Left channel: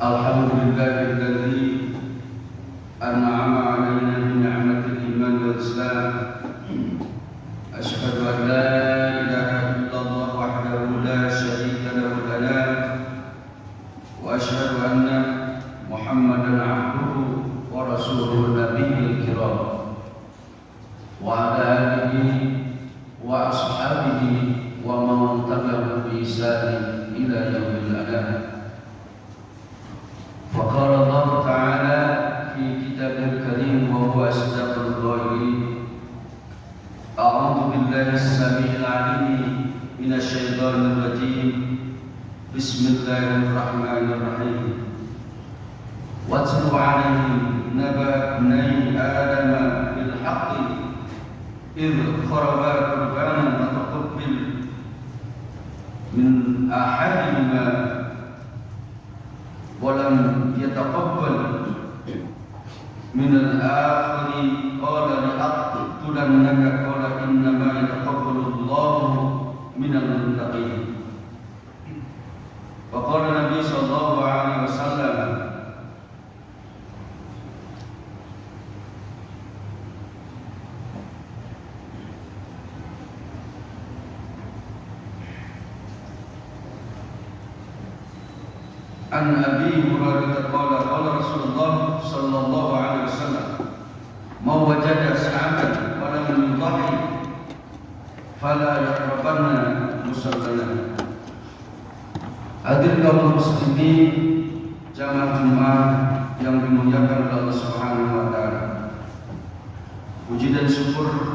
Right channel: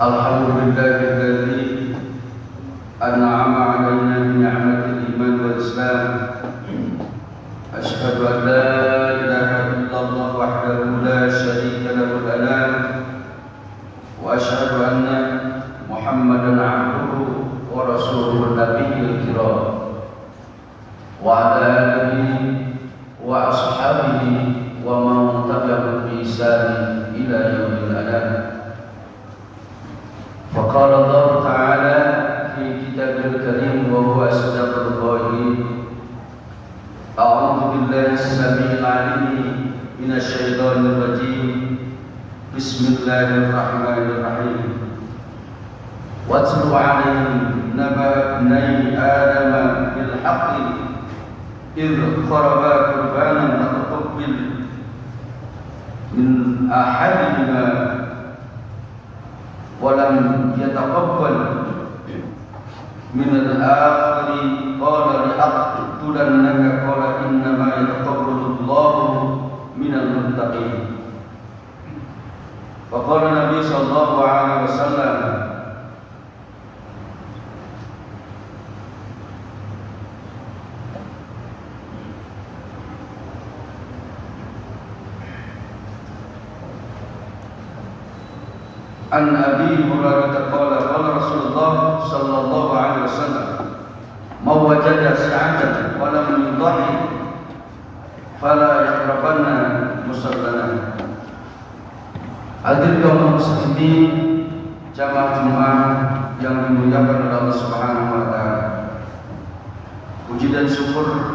Alhamdulillahilladzi an'ama 'alaina bi ni'matil iman wal islam. Asyhadu an la ilaha illallah wahdahu la syarika lahu wa asyhadu anna Muhammadan 'abduhu wa rasuluhu nabiyil kiram wa ala alihi wa ashabihi wa man tabi'ahum bi ihsan ila yaumil qiyamah. فقال الله تعالى في كتابه الكريم وهو أصدق القائلين أعوذ بالله السميع العليم من الشيطان الرجيم بسم الله الرحمن الرحيم واتل عليهم نبأ ابني آدم بالحق إذ قربا قربانا فتقبل من أحدهما ولم يتقبل من الآخر قال لأقتلنك قال إنما يتقبل الله من المتقين. وقال النبي صلى الله عليه وسلم عن أبي هريرة قال قال رسول الله صلى الله عليه وسلم من وجد سعة ولم يضحي فلا يقربن مصلانا. Hadir kaum muslimin jamaah Jumat yang dimuliakan oleh Allah Subhanahu wa taala. Puji dan syukur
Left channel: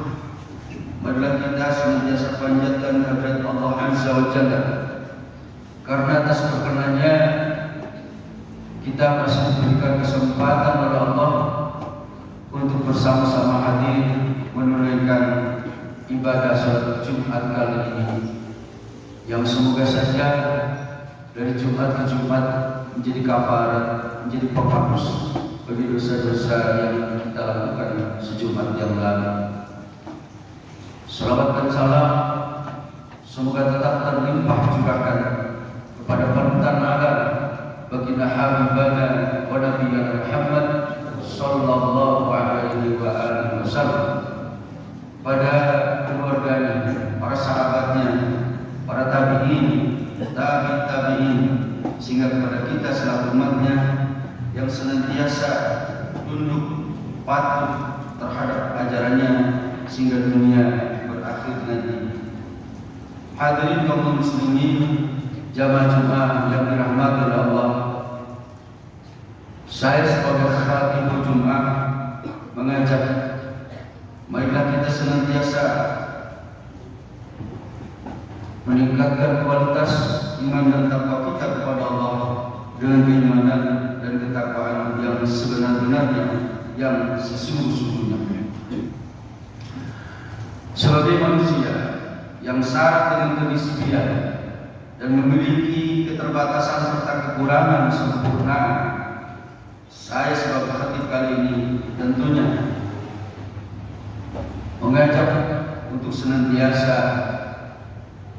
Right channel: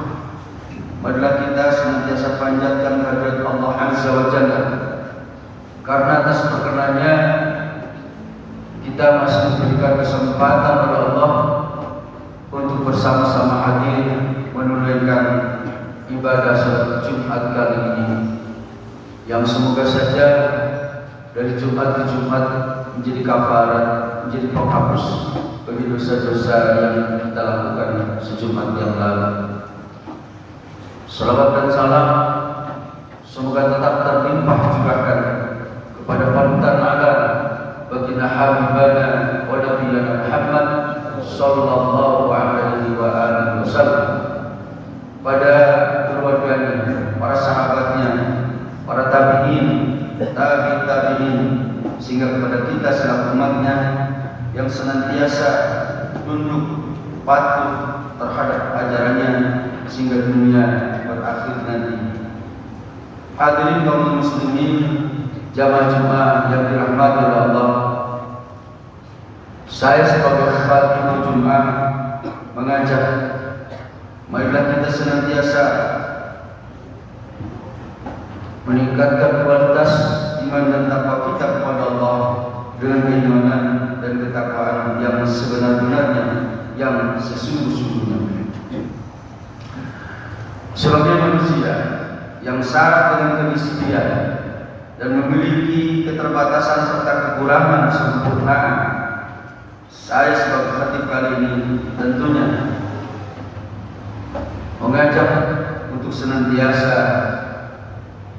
marilah kita senantiasa panjatkan kehadirat Allah Azza wa Jalla, karena atas perkenannya kita masih diberikan kesempatan oleh Allah untuk bersama-sama hadir menunaikan ibadah salat Jumat kali ini, yang semoga saja dari Jumat ke Jumat menjadi kafarat, menjadi penghapus bagi dosa-dosa yang kita lakukan sejumat yang lalu. Salawat dan salam semoga tetap terlimpah curahkan kepada panutan alam baginda habibana wa nabiyana Muhammad sallallahu alaihi wa alihi wasallam, pada keluarganya, para sahabatnya, para tabi'in, tabi'in, sehingga kepada kita selaku umatnya yang senantiasa tunduk patuh terhadap ajarannya sehingga dunia berakhir nanti. Hadirin kaum muslimin jamaah Jumat yang dirahmati oleh Allah, saya sebagai khatibul Jumat mengajak marilah kita senantiasa meningkatkan kualitas iman dan takwa kita kepada Allah dengan keimanan dan ketakwaan yang sebenar-benarnya, yang sesungguh-sungguhnya. Sebagai manusia yang syarat dengan kemiskinan dan memiliki keterbatasan serta kekurangan sempurnaan, saya sebagai khatib kali ini tentunya mengajak untuk senantiasa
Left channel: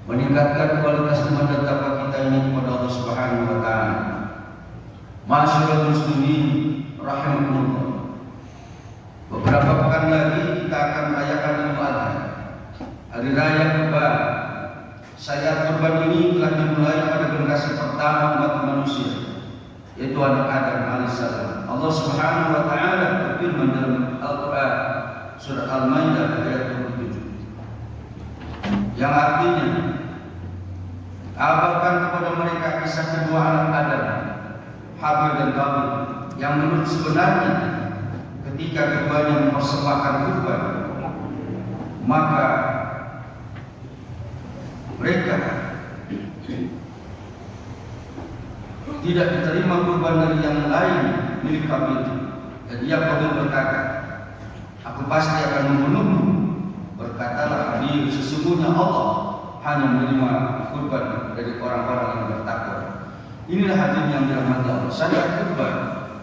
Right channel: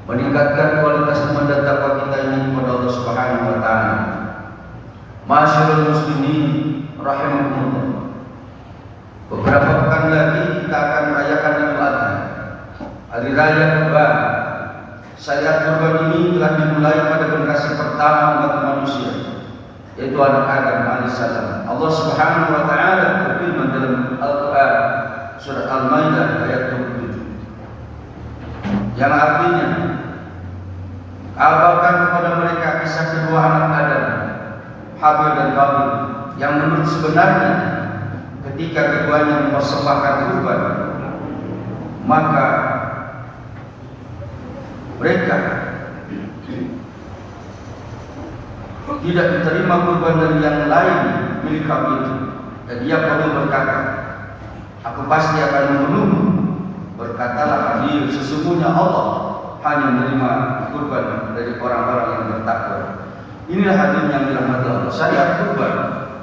meningkatkan kualitas iman dan takwa kita ini kepada Allah Subhanahu wa taala. Masyaallah muslimin rahimakumullah. Beberapa pekan lagi kita akan merayakan Idul Adha, hari raya Kurban. Syariat kurban ini telah dimulai pada generasi pertama umat manusia, yaitu anak Adam alaihissalam. Allah Subhanahu wa taala berfirman dalam Al-Qur'an surat Al-Maidah ayat 27, yang artinya kabarkan kepada mereka kisah kedua anak Adam, Habil dan Qabil, yang menurut sebenarnya ketika keduanya mempersembahkan kurban, maka mereka tidak diterima kurban dari yang lain milik kami itu. Dan dia Qabil berkata, aku pasti akan membunuhmu. Berkatalah Habil, sesungguhnya Allah hanya menerima kurban dari orang-orang yang bertakwa. Inilah hadir yang dirahmati Allah. Syariat kurban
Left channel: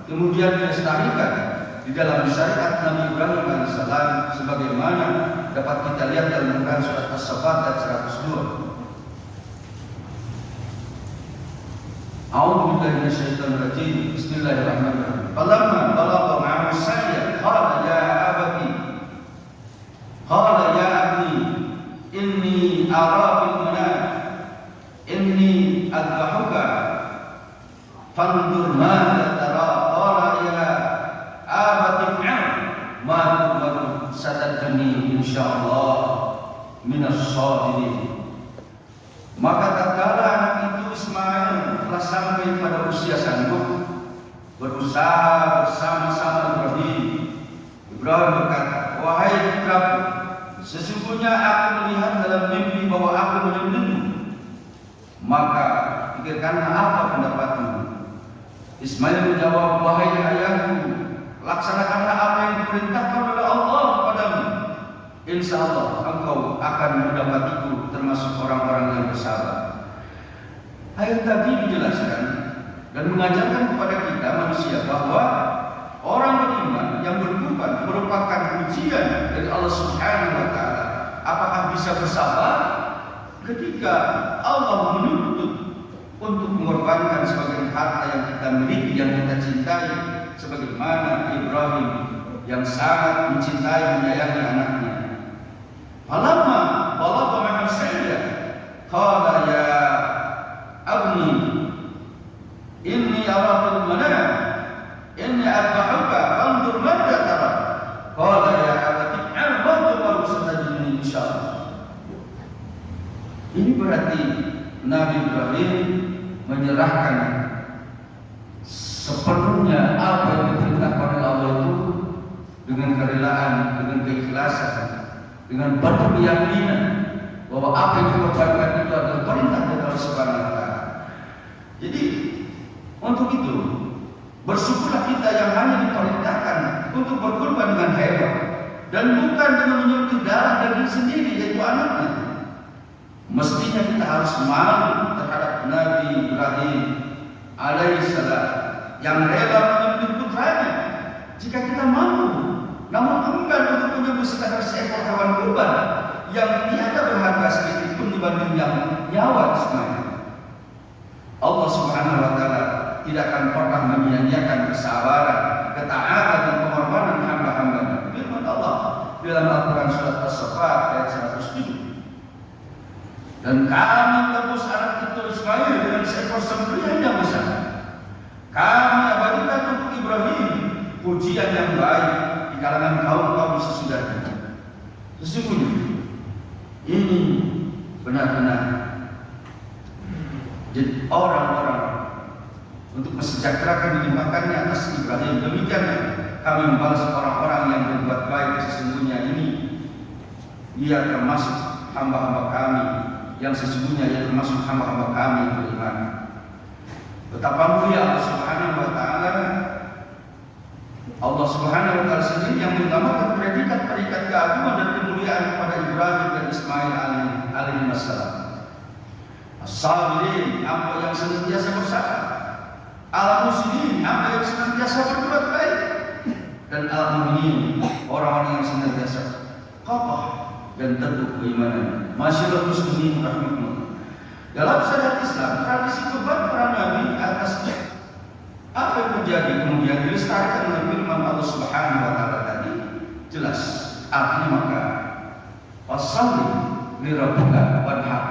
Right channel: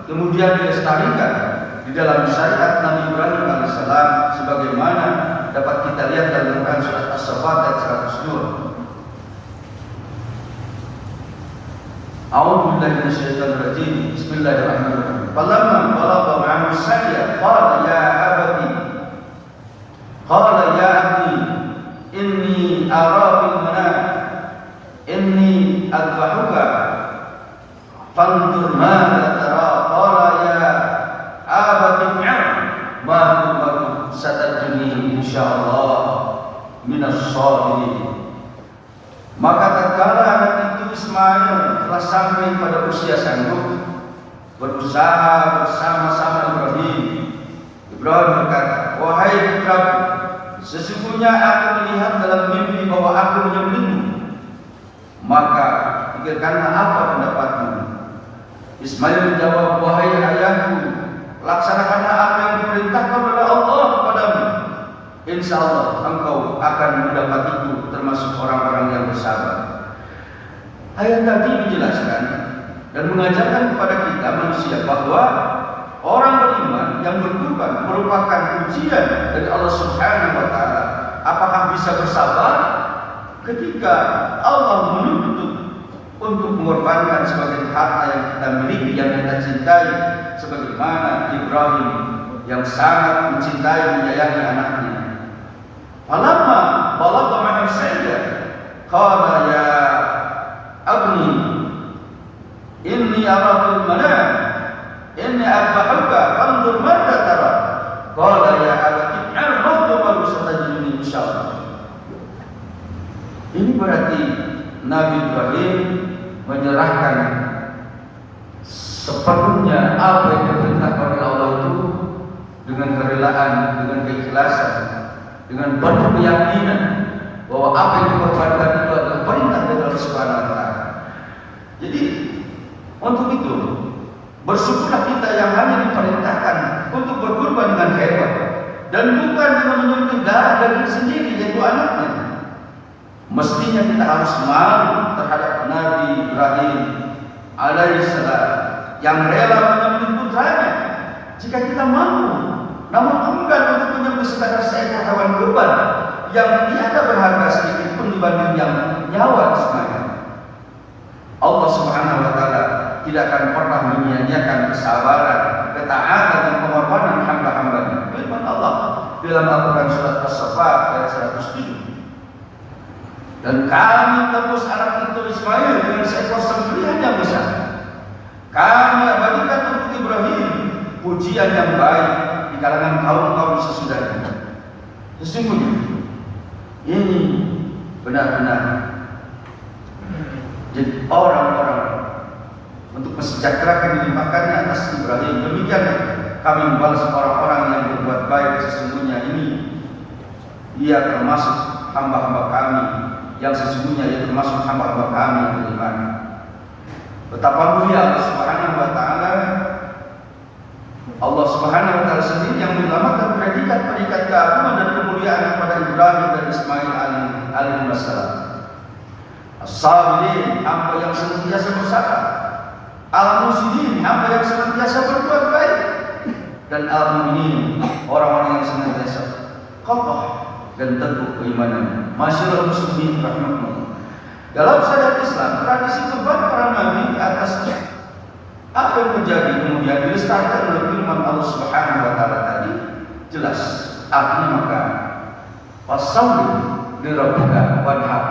kemudian dilestarikan di dalam syariat Nabi Ibrahim alaihissalam, sebagaimana dapat kita lihat dalam Quran surat As-Saffat ayat 102. A'udzu billahi minasyaitonir rajim. Bismillahirrahmanirrahim. Falamma balagha ma'ahu as-sa'ya qala ya abdi inni ara bil manam inni adbahuka fanzur madza tara. Qala ya abati ma tu'mar satajuni insyaallah minas sabirin. Maka tatkala anak itu Ismail telah sampai pada usia sanggup, berusaha bersama-sama Ibrahim berkata, wahai putraku, sesungguhnya aku melihat dalam mimpi bahwa aku menyembelihmu. Maka pikirkanlah apa pendapatmu. Ismail menjawab, wahai ayahku, laksanakanlah apa yang diperintahkan oleh Allah kepadamu. Insya Allah engkau akan mendapatiku termasuk orang-orang yang bersabar. Ayat tadi menjelaskan dan mengajarkan kepada kita manusia bahwa orang beriman yang berkurban merupakan ujian dari Allah Subhanahu wa Ta'ala. Apakah bisa bersabar ketika Allah menuntut untuk mengorbankan sebagai harta yang kita miliki, yang kita cintai, sebagaimana Ibrahim yang sangat mencintai menyayangi anaknya. Falamma balagha ma'ahu as-sa'ya qala ya abni inni ara fil manam inni adbahuka fanzur madza tara. Qala ya abati a'udzu bika satajiduni insyaallah. Ini berarti Nabi Ibrahim menyerahkan sepenuhnya apa yang diperintahkan oleh Allah itu dengan kerelaan, dengan keikhlasan, dengan penuh keyakinan bahwa apa yang dikorbankan itu adalah perintah dari Allah Subhanahu wa Ta'ala. Jadi untuk itu bersyukurlah kita yang hanya diperintahkan untuk berkorban dengan hewan dan bukan dengan menyembelih darah daging sendiri, yaitu anaknya. Mestinya kita harus malu terhadap Nabi Ibrahim alaihissalam yang rela menyembelih putranya. Jika kita mampu, namun enggan untuk menyembelih sekadar seekor hewan kurban yang tiada berharga sedikit pun dibanding yang nyawa Ismail. Allah Subhanahu wa Ta'ala tidak akan pernah menyia-nyiakan kesabaran, ketaatan dan pengorbanan hamba-hambanya. Firman Allah dalam Al-Quran surat As-Saffat ayat 107. Dan kami tebus anak itu Ismail dengan seekor sembelihan yang besar. Kami abadikan untuk Ibrahim pujian yang baik di kalangan kaum-kaum sesudahnya. Sesungguhnya ini benar-benar jadi orang-orang untuk mensejahterakan dilimpahkannya atas Ibrahim. Demikian kami membalas orang-orang yang berbuat baik. Sesungguhnya ini dia termasuk hamba-hamba kami yang sesungguhnya ia termasuk hamba-hamba kami yang beriman. Betapa mulia Allah Subhanahu wa Ta'ala. Allah Subhanahu wa Ta'ala sendiri yang menyelamatkan predikat-predikat keagungan dan kemuliaan kepada Ibrahim dan Ismail alaihi wassalam. As-sabirin, hamba yang senantiasa bersabar. Al-muslimin, hamba yang senantiasa berbuat baik. Dan al-mu'minin, orang-orang yang senantiasa kokoh dan teguh keimanannya. Masyaallah muslimin rahmatullah. Dalam syariat Islam, tradisi kurban para nabi atas apa yang terjadi kemudian dilestarikan oleh firman Allah Subhanahu wa Ta'ala tadi jelas artinya. Maka fasalli li rabbika wanhar,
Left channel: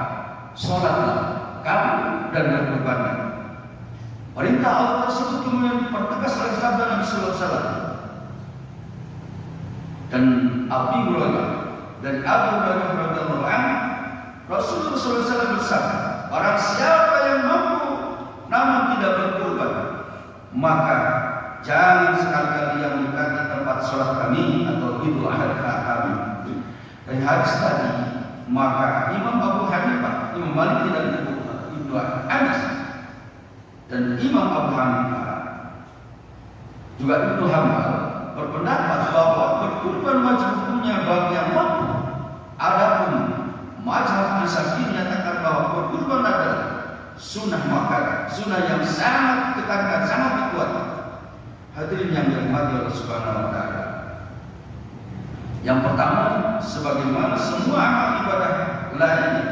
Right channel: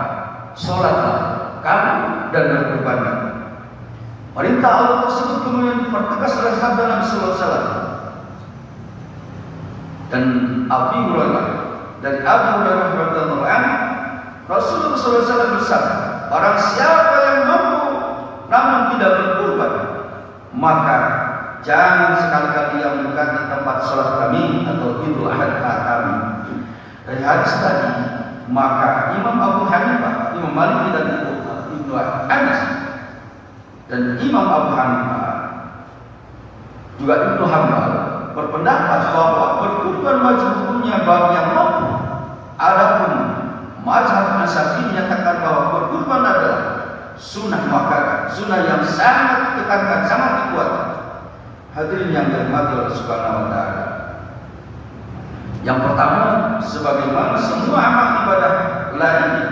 salatlah kamu dan berkurbanlah. Perintah Allah tersebut kemudian dipertegas oleh sabda Nabi sallallahu alaihi wasallam. Dan Abu Hurairah dari Abu Hurairah radhiyallahu anhu, Rasulullah sallallahu alaihi wasallam bersabda, barang siapa yang mampu namun tidak berkurban, maka jangan sekali-kali ia mendekati tempat sholat kami atau Idul Adha kami. Dari hadis tadi, maka Imam Abu Hanifah, Imam Malik dan Ibnu Anas dan Imam Abu Hanifah juga Ibnu Hanbal berpendapat bahwa berkurban wajib hukumnya bagi yang mampu. Adapun mazhab Syafi'i menyatakan bahwa berkurban adalah sunnah, maka sunnah yang sangat ditekankan, sangat kuat. Hadirin yang dirahmati Allah Subhanahu wa Ta'ala. Yang pertama, sebagaimana semua amal ibadah lainnya,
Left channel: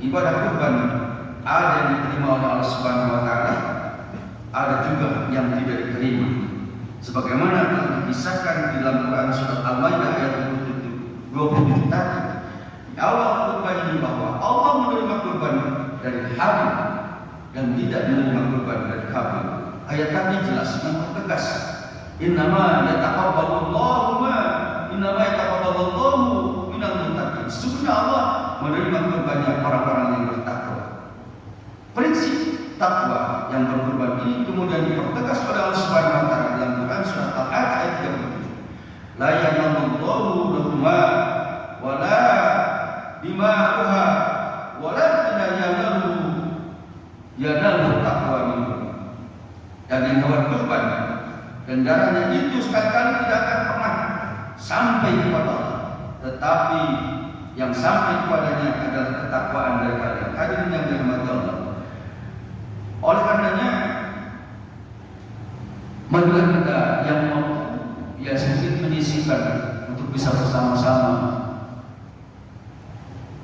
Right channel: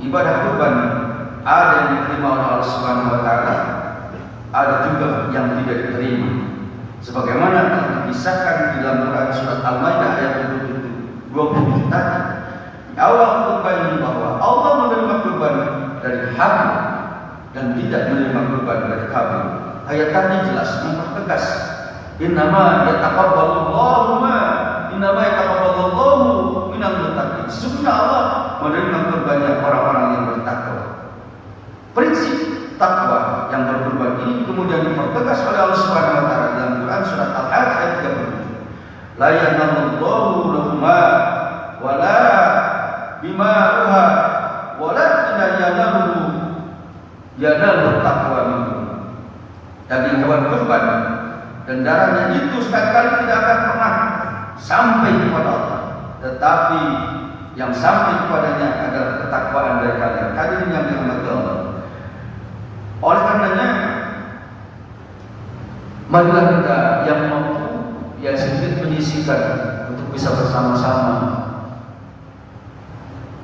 ibadah kurban ada yang diterima oleh Allah Subhanahu wa taala, ada juga yang tidak diterima. Sebagaimana telah dikisahkan di dalam Quran surat Al-Maidah ayat 27 tadi. Di awal khutbah ini bahwa Allah menerima kurban dari hamba dan tidak menerima kurban dari hamba. Ayat tadi jelas mempertegas. Innama yataqabbalullahu minal muttaqin. Sesungguhnya Allah menerima kurbannya orang-orang yang bertakwa. Prinsip takwa yang berkurban ini kemudian dipertegas oleh Allah Subhanahu wa taala dalam Quran surat Al-Hajj ayat 37. La yanallahu lahuma wala bima'uha wala yanalu taqwa minhum. Daging hewan kurban dan darahnya itu sekali-kali tidak akan pernah sampai kepada Allah, tetapi yang sampai kepadanya adalah ketakwaan dari kalian. Hadirin yang dirahmati Allah. Oleh karenanya, marilah kita yang mampu, yang sedikit menyisihkan untuk bisa bersama-sama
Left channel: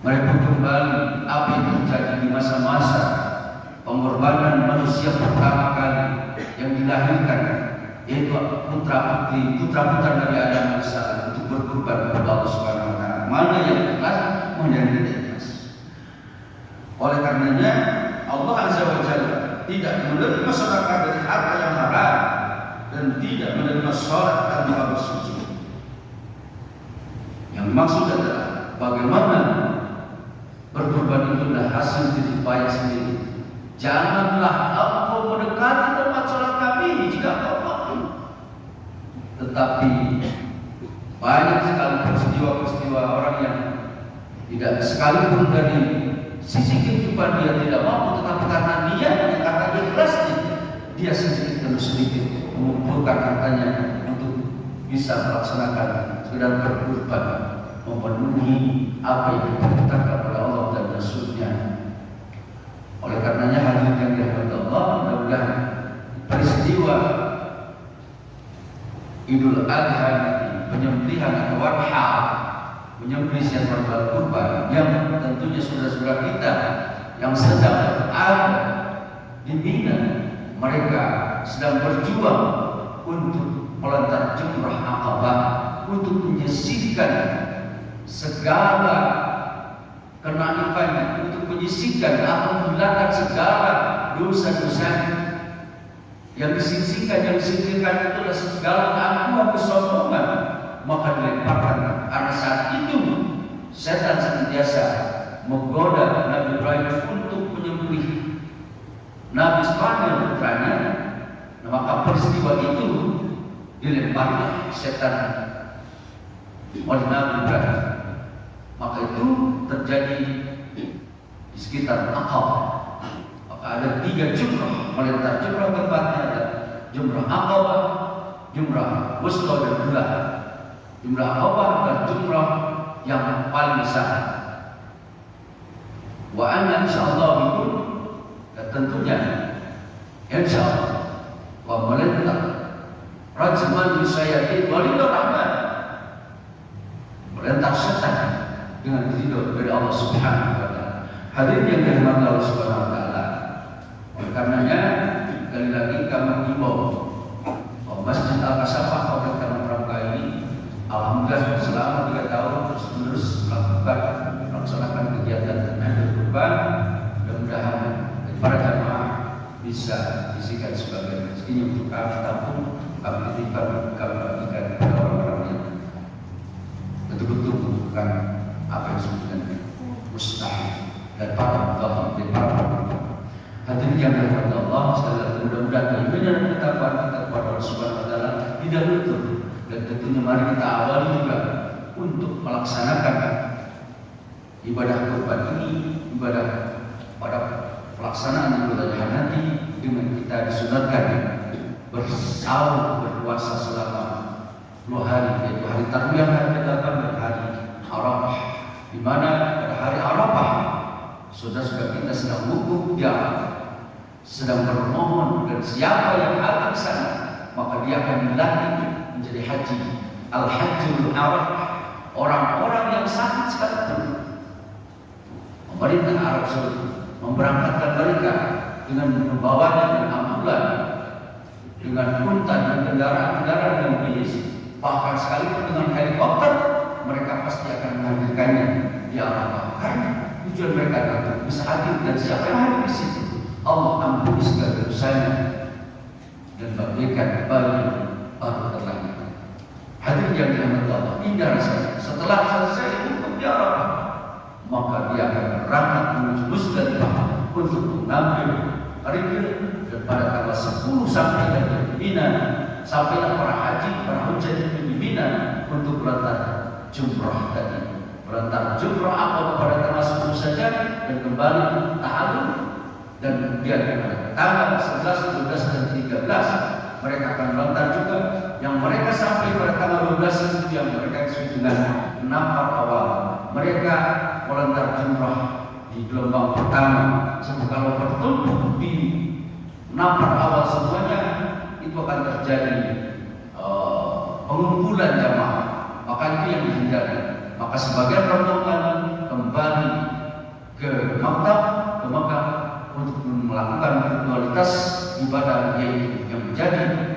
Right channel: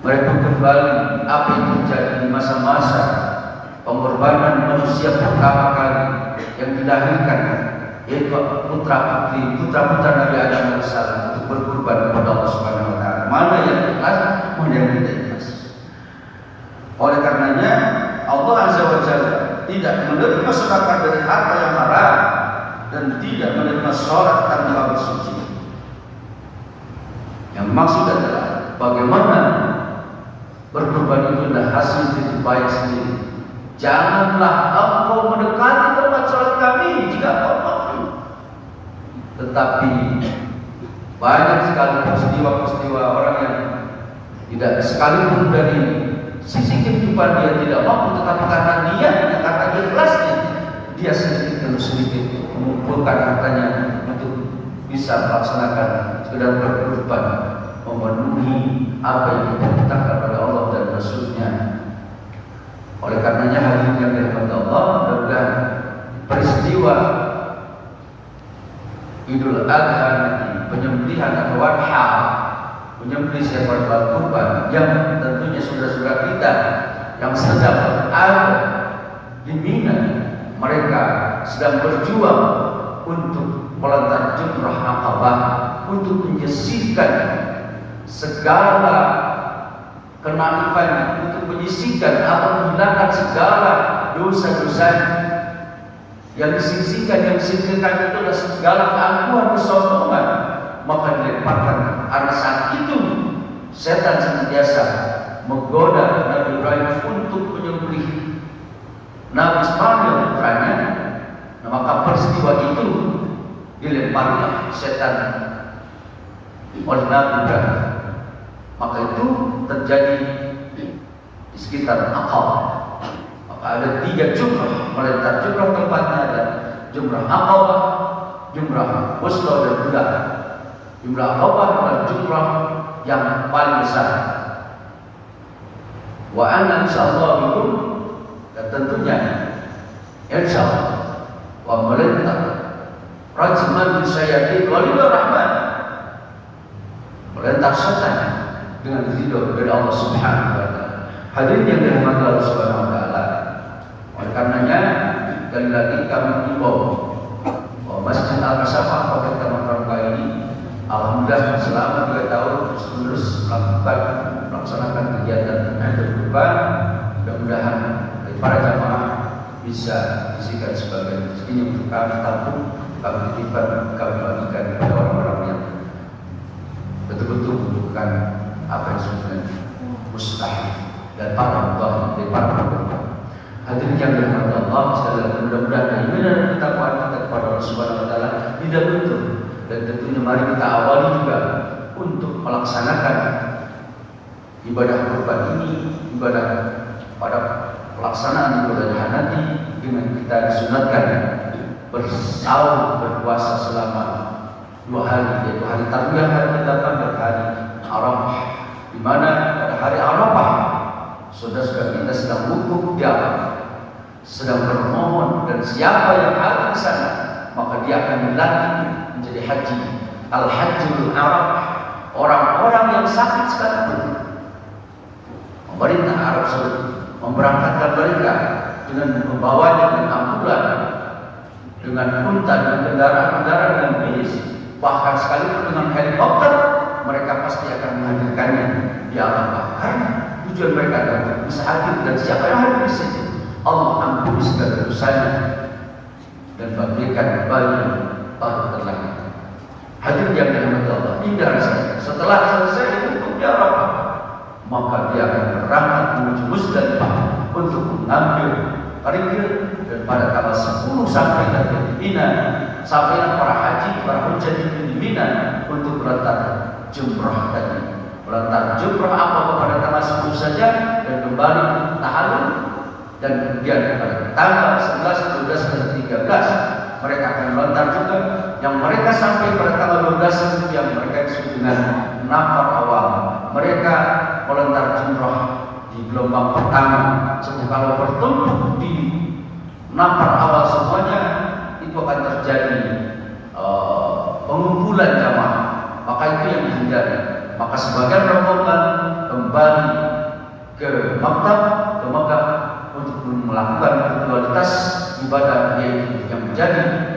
merebut kembali apa yang terjadi di masa-masa pengorbanan manusia pertama kali yang dilahirkan, yaitu putra-putra Nabi Adam AS untuk berkorban kepada Allah Subhanahu wa taala. Mana yang ikhlas, mana yang tidak ikhlas. Oleh karenanya Allah Azza wa Jalla tidak menerima sedekah dari harta yang haram dan tidak menerima sholat tanpa bersuci. Yang maksud adalah bagaimana berkorban itu adalah hasil jerih sendiri. Janganlah engkau mendekati tempat sholat kami jika engkau mampu. Tetapi banyak sekali peristiwa-peristiwa orang yang tidak sekalipun dari sisi kehidupan dia tidak mampu, tetapi karena karena ikhlasnya, dia sedikit demi sedikit mengumpulkan hartanya untuk bisa melaksanakan sekedar berkorban, memenuhi apa yang diperintahkan oleh Allah dan Rasul-Nya. Oleh karenanya hadirin yang dirahmati Allah, mudah-mudahan peristiwa Idul Adha, penyembelihan atau wadha, menyembelih seekor kurban yang tentunya saudara-saudara kita yang sedang ada di Mina, mereka sedang berjuang untuk melontar jumrah Aqabah, untuk menyisihkan segala kenaifan, untuk menyisihkan atau menghilangkan segala dosa-dosa yang disisihkan, yang disingkirkan itu adalah segala keangkuhan, kesombongan. Maka dilemparkan. Pada saat itu setan senantiasa menggoda Nabi Ibrahim untuk menyembelih Nabi Ismail putranya. Nah, maka peristiwa itu dilemparkan setan oleh Nabi Ibrahim. Maka itu terjadi di sekitar Aqabah. Maka ada 3 jumrah melontar. Jumrah keempatnya ada jumrah Aqabah, jumrah Wusta dan Ula. Jumrah Aqabah adalah jumrah yang paling besar. Wa ana insyaallah bikum, dan tentunya insyaallah wa melintah rajman bisayyati qalilur rahman, melintah setan dengan ridho dari Allah Subhanahu wa taala. Hadirin yang dirahmati Allah Subhanahu wa taala. Oleh karenanya sekali lagi kami himbau bahwa Masjid Al-Kasafah Kabupaten Tamanrauke ini alhamdulillah selama 3 tahun terus melaksanakan kegiatan berkurban. Mudah-mudahan para jamaah bisa disikat sebagai rezeki untuk kami tampung, kami titipkan, kami bagikan kepada orang-orang yang betul-betul membutuhkan apa yang sebenarnya mustahil dan para Allah dari para berkorban. Hadirin yang dirahmati Allah sekalian, mudah-mudahan keinginan dan ketakwaan kita kepada Allah Subhanahu wa taala tidak luntur. Dan tentunya mari kita awali juga untuk melaksanakan ibadah kurban ini, ibadah pada pelaksanaan ibadah nanti dengan kita disunatkan bersahur berpuasa selama 2 hari, yaitu hari Tarbiyah, hari ke-8 dan hari Arafah. Di mana pada hari Arafah saudara-saudara kita sedang wukuf di Arafah, sedang bermohon, dan siapa yang ada di sana maka dia akan dilantik menjadi haji. Al-Hajjul Arafah, orang-orang yang sakit sekalipun. Pemerintah Arab Saudi memberangkatkan mereka dengan membawanya dengan ambulan, dengan unta dan kendaraan-kendaraan dan bis, bahkan sekalipun dengan helikopter, mereka pasti akan menghadirkannya di alam. Karena tujuan mereka adalah bisa hadir, dan siapa yang hadir di situ, Allah ampuni segala dosanya dan bagikan bagi baru terlangit. Hadir yang dirahmati Allah, indah rasanya. Setelah selesai hukum di Arafah, maka dia akan berangkat menuju Musdalifah untuk mengambil rikir, dan pada tanggal 10 sampai nanti di Mina, sampailah para haji, para hujjah di Mina untuk melontar jumrah tadi. Melontar jumrah apa pada tanggal 10 saja dan kembali tahallul, dan kemudian pada tanggal 11, 12 dan 13 mereka akan melontar juga. Yang mereka sampai pada tanggal 12 itu yang mereka disebut dengan nafar awal. Mereka melontar jumrah di gelombang pertama. Sebab kalau bertemu di nafar awal semuanya, itu akan terjadi pengumpulan jamaah. Maka itu yang dihindari. Maka sebagian rombongan kembali ke Makkah untuk melakukan ritualitas ibadah yang menjadi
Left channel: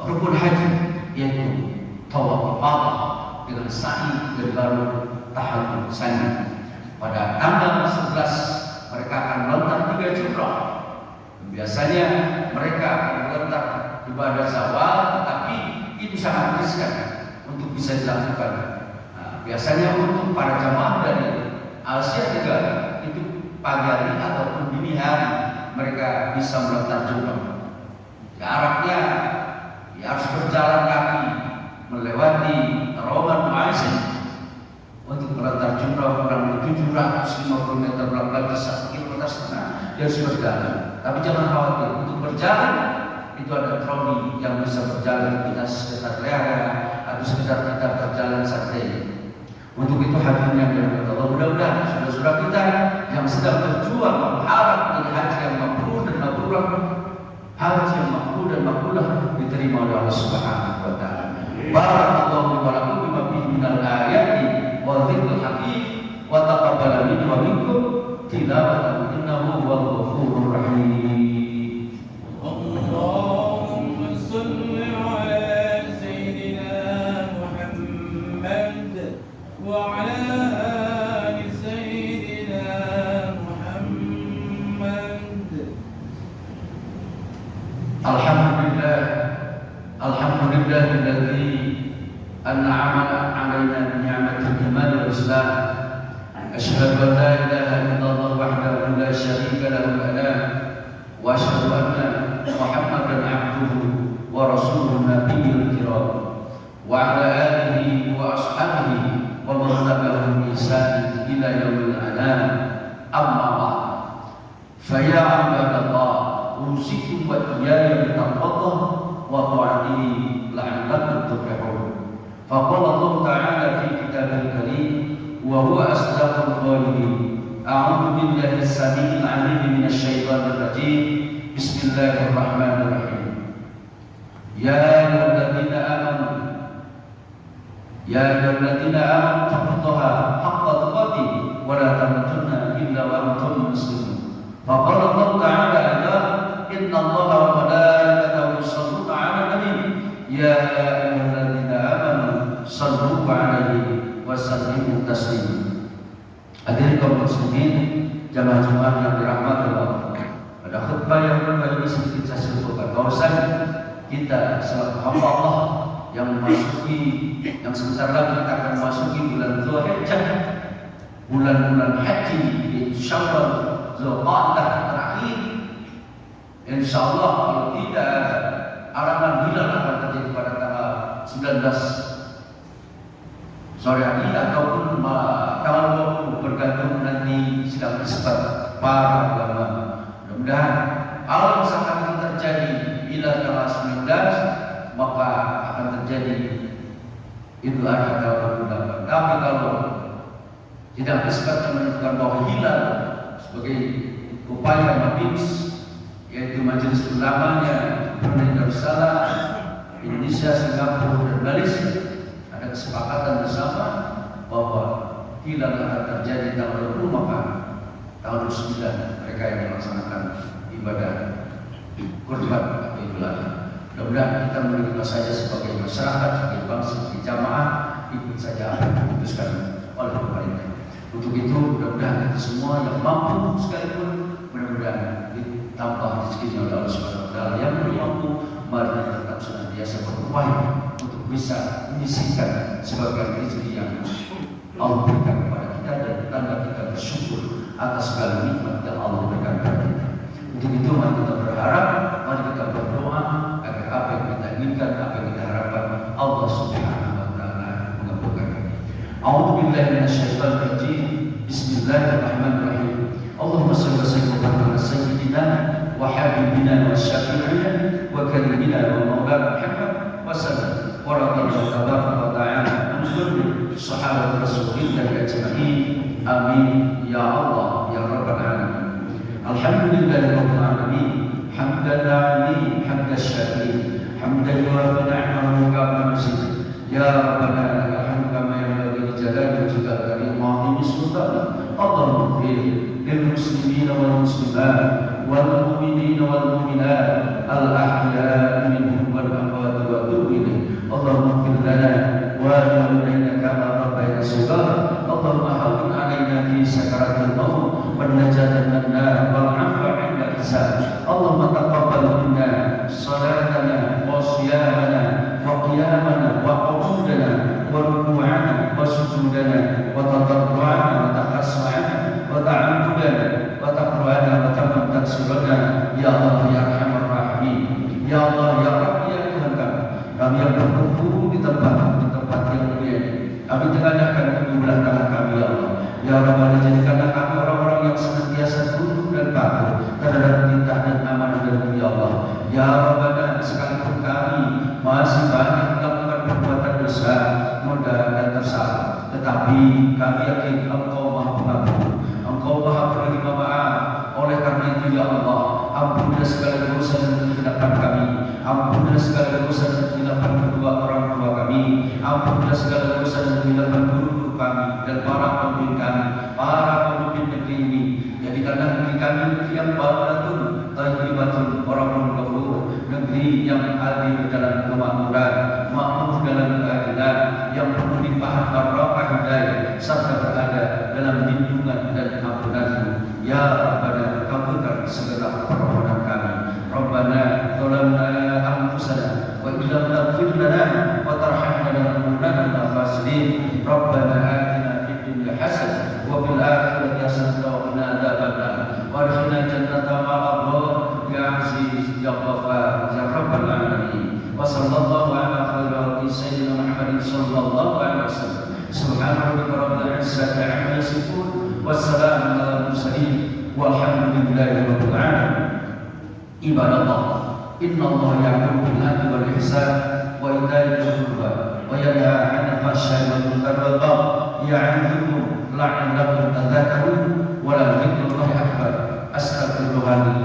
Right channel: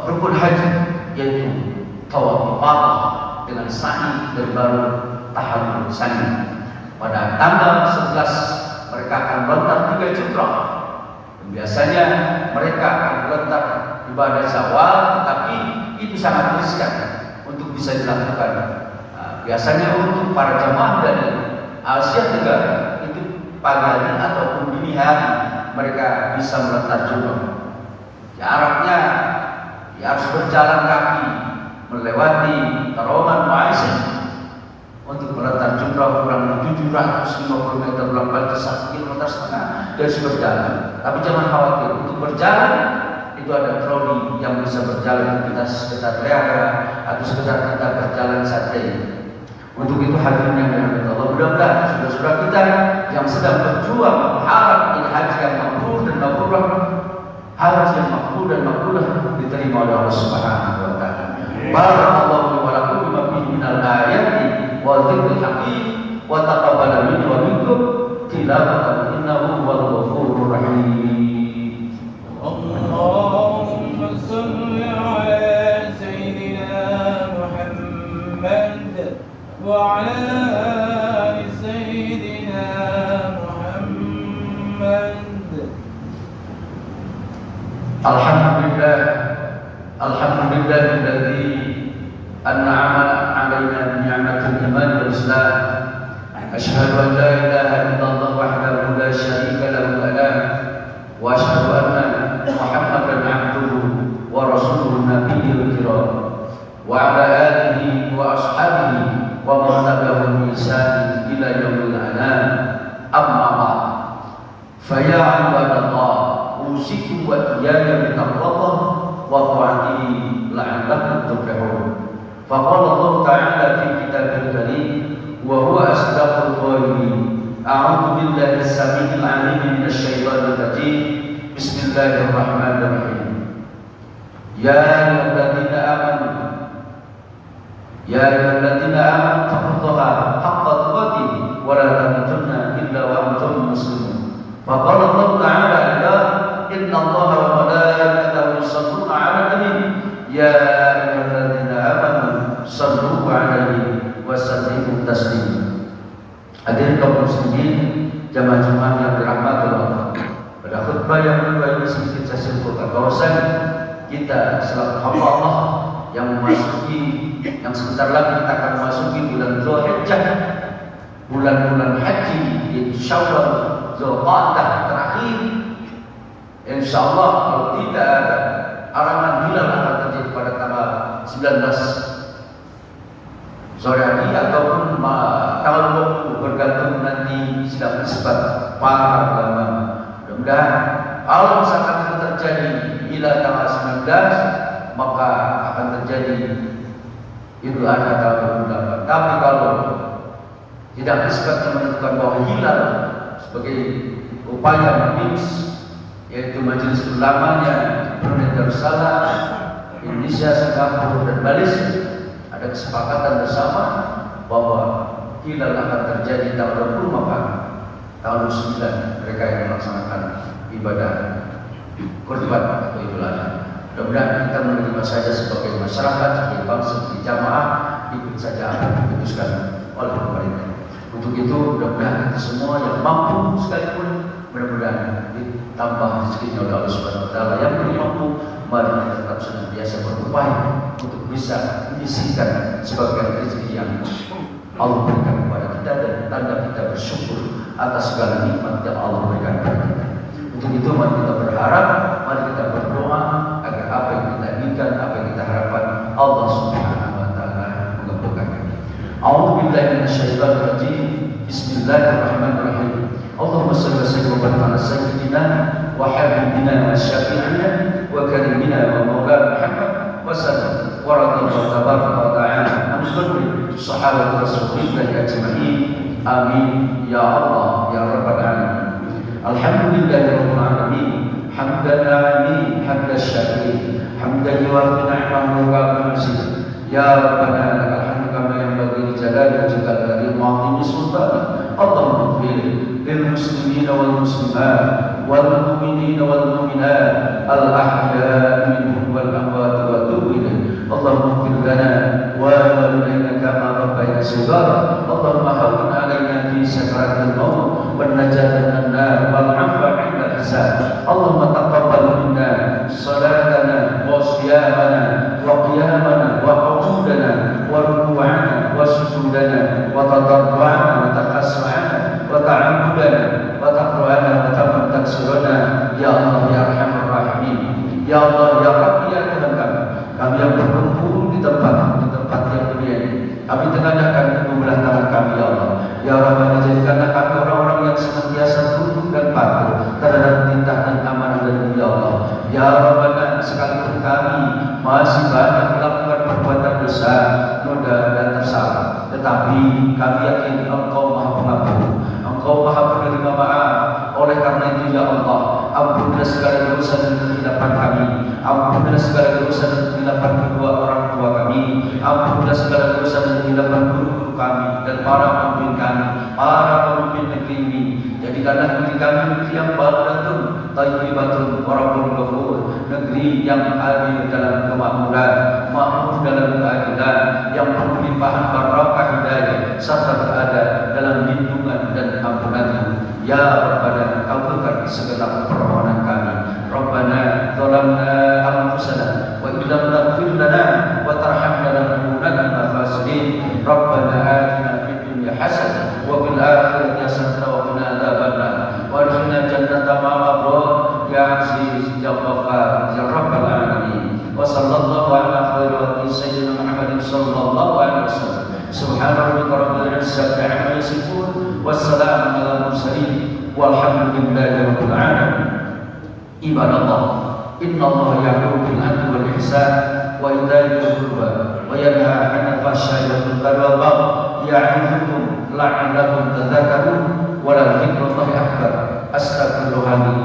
rukun haji, yaitu tawaf ifadah dengan sa'i dari baru tahallul sani. Pada tanggal 11 mereka akan melontar 3 jumrah. Biasanya mereka akan melontar ibadah Syawal, tetapi itu sangat riskan untuk bisa dilakukan. Biasanya untuk para jamaah dari Asia Tenggara itu pagi hari ataupun dini hari mereka bisa melontar jumrah. Jaraknya harus berjalan kaki melewati terowongan Mu'aisyah untuk melontar jumrah kurang lebih 750 meter, melewati 1,5 km dan berjalan. Tapi jangan khawatir, untuk berjalan itu ada troli yang bisa berjalan, kita sekedar lera atau sekedar kita berjalan santai. Untuk itu hadirin yang dirahmati Allah, mudah-mudahan saudara-saudara kita yang sedang berjuang berharap ini haji yang makbul dan mabrur, haji yang makbul dan makbulah diterima oleh Allah Subhanahu wa taala. Barakallahu wa lakum bima fihi minal ayati wa dzikril hakim wa taqabbal minni wa minkum tilawatan innahu huwal ghafurur rahim. Allahumma shalli ala sayyidina Muhammad wa ala ali sayyidina Muhammad. Alhamdulillahilladzi an'ama 'alaina bi ni'matil iman wal islam. Asyhadu an la ilaha illallah wahdahu la syarika lahu wa asyhadu anna Muhammadan 'abduhu wa rasuluhu nabiyyul kiram wa 'ala alihi wa ashabihi wa man tabi'ahum bi ihsan ila yaumil anam. Amma ba'd. Fa ya 'ibadallah, usikum wa iyaya bi taqwallah wa ta'atihi la'allakum tuflihun. Faqala Allah ta'ala fi kitabihil karim wa huwa asdaqul qa'ilin. A'udzu billahi as-sami'il 'alim minasy syaithanir rajim. Bismillahirrahmanirrahim. Ya ayyuhalladzina amanu taqullaha haqqa tuqatih wa la tamutunna illa wa antum muslimun. Faqala Allah ta'ala inna Allaha wa malaikatahu yusholluna 'alan nabi ya ayyuhalladzina amanu shallu 'alaihi wa sallimu taslima. Hadirin kaum muslimin, jamaah Jumat yang dirahmati Allah. Pada khutbah yang kedua ini sedikit saya sebutkan bahwasanya kita selaku hamba Allah yang sebentar lagi kita akan memasuki bulan Dzulhijjah, bulan-bulan haji, yaitu Syawal, Dzulqa'dah terakhir. Insyaallah kalau tidak ada alaman hilal akan terjadi pada tanggal 19 sore hari ataupun tanggal 20, bergantung nanti sedang isbat para ulama. Mudah-mudahan kalau misalkan itu terjadi bila tanggal 19, maka akan terjadi Idul Adha tahun 2008. Tapi kalau tidak isbat menentukan bahwa hilal sebagai upaya membimbing, yaitu majelis ulamanya Brunei Darussalam, Indonesia, Singapura dan Malaysia, ada kesepakatan bersama bahwa hilal akan terjadi tanggal 20, maka tahun 9 mereka yang melaksanakan ibadah Kurban atau Idul Adha. Mudah-mudahan kita menerima saja sebagai masyarakat, sebagai bangsa, sebagai jamaah, ikut saja apa yang diputuskan oleh pemerintah. Untuk itu mudah-mudahan semua yang mampu sekalipun mudah-mudahan ditambah rezekinya oleh Allah Subhanahu Wa Taala. Yang belum mampu, mari kita tetap senantiasa berupaya untuk bisa menyisihkan sebagian rezeki yang Allah berikan kepada kita dan tanda kita bersyukur atas segala nikmat yang Allah berikan kepada kita. Untuk itu mari kita berharap, mari kita berdoa agar apa yang kita inginkan, apa yang kita harapkan Allah Subhanahu Wa Taala mengabulkannya. A'udzubillahi minasyaitonir rajim. Bismillahirrahmanirrahim. Allahumma shalli wa sallim ala sayyidina wa habibina wa syafi'ina wa karimina wa maulana Muhammad wa sallam wa radhiyallahu tabaraka wa ta'ala an kulli sahabat rasulillah ajma'in. Amin ya Allah ya rabbal alamin. Alhamdulillahi rabbil alamin. Hamdan alamin, hamdan syakirin, hamdan yuwafi ni'amahu wa kamsil. Ya Rabbana lakal hamdu kama yanbaghi li jalali wajhikal karim wa 'azimi sultanik. Allahumma ighfir lil muslimina wal muslimat wal mu'minina wal mu'minat al ahya'i minhum wal amwat wa tub ilaih. Allahumma ighfir lana wa walidayna kama rabbayana shighara. Allahumma hawwin 'alaina fi sakaratil maut wan najata minan nar wal 'afwa 'inda hisab. Allahumma taqabbal minna salatana wa siyamana wa qiyamana wa qu'udana wa ruku'ana wa sujudana wa tadarru'ana wa taqassu'ana wa ta'abbudana wa taqra'ana wa tamantaksirana. Ya Allah ya Arhamar Rahimin. Ya Allah ya Rabbi ya Tuhan kami yang berkumpul di tempat yang mulia ini, kami tengadahkan kedua tangan kami ya Allah. Ya Rabbana jadikanlah kami orang-orang yang senantiasa tunduk dan patuh terhadap perintah dan amanah dari ya Allah. Ya Rabbana sekalipun kami masih banyak melakukan perbuatan dosa, noda dan tersalah, tetapi kami yakin Engkau Maha Pengampun, Engkau Maha Penerima maaf. Oleh karena itu ya Allah, ampunilah segala dosa dan kesilapan kami, ampunilah segala dosa dan kesilapan kedua orang tua kami, ampunilah segala dosa dan kesilapan guru kami dan para pemimpin kami, para pemimpin negeri ini. Jadikanlah negeri kami negeri yang baldatun thayyibatun warahmun ghafur, negeri yang adil dalam kemakmuran, makmur dalam keadilan, yang penuh limpahan barakah hidayah serta berada dalam lindungan dan ampunan-Mu. Ya Rabbana, kabulkan segenap permohonan kami. Rabbana zalamna anfusana wa illam taghfir lana wa tarhamna lanakunanna minal khasirin. Rabbana atina fid dunya hasanah wa fil akhirati hasanah wa qina adzabannar wa adkhilna jannata ma'al abrar ya aziz ya ghaffar ya rabbal alamin. Wa sallallahu ala khairi wa sayyidina Muhammadin sallallahu alaihi wasallam. Subhana rabbika rabbil izzati amma yasifun wassalamun alal mursalin walhamdulillahi rabbil alamin. Ibadallah, innallaha ya'muru bil 'adli wal ihsan wa ita'i dzil qurba wa yanha 'anil fahsya'i wal munkari wal baghi ya'idukum la'allakum tadhakkarun wa la dzikrullahi akbar. Astaghfirullahaladzim.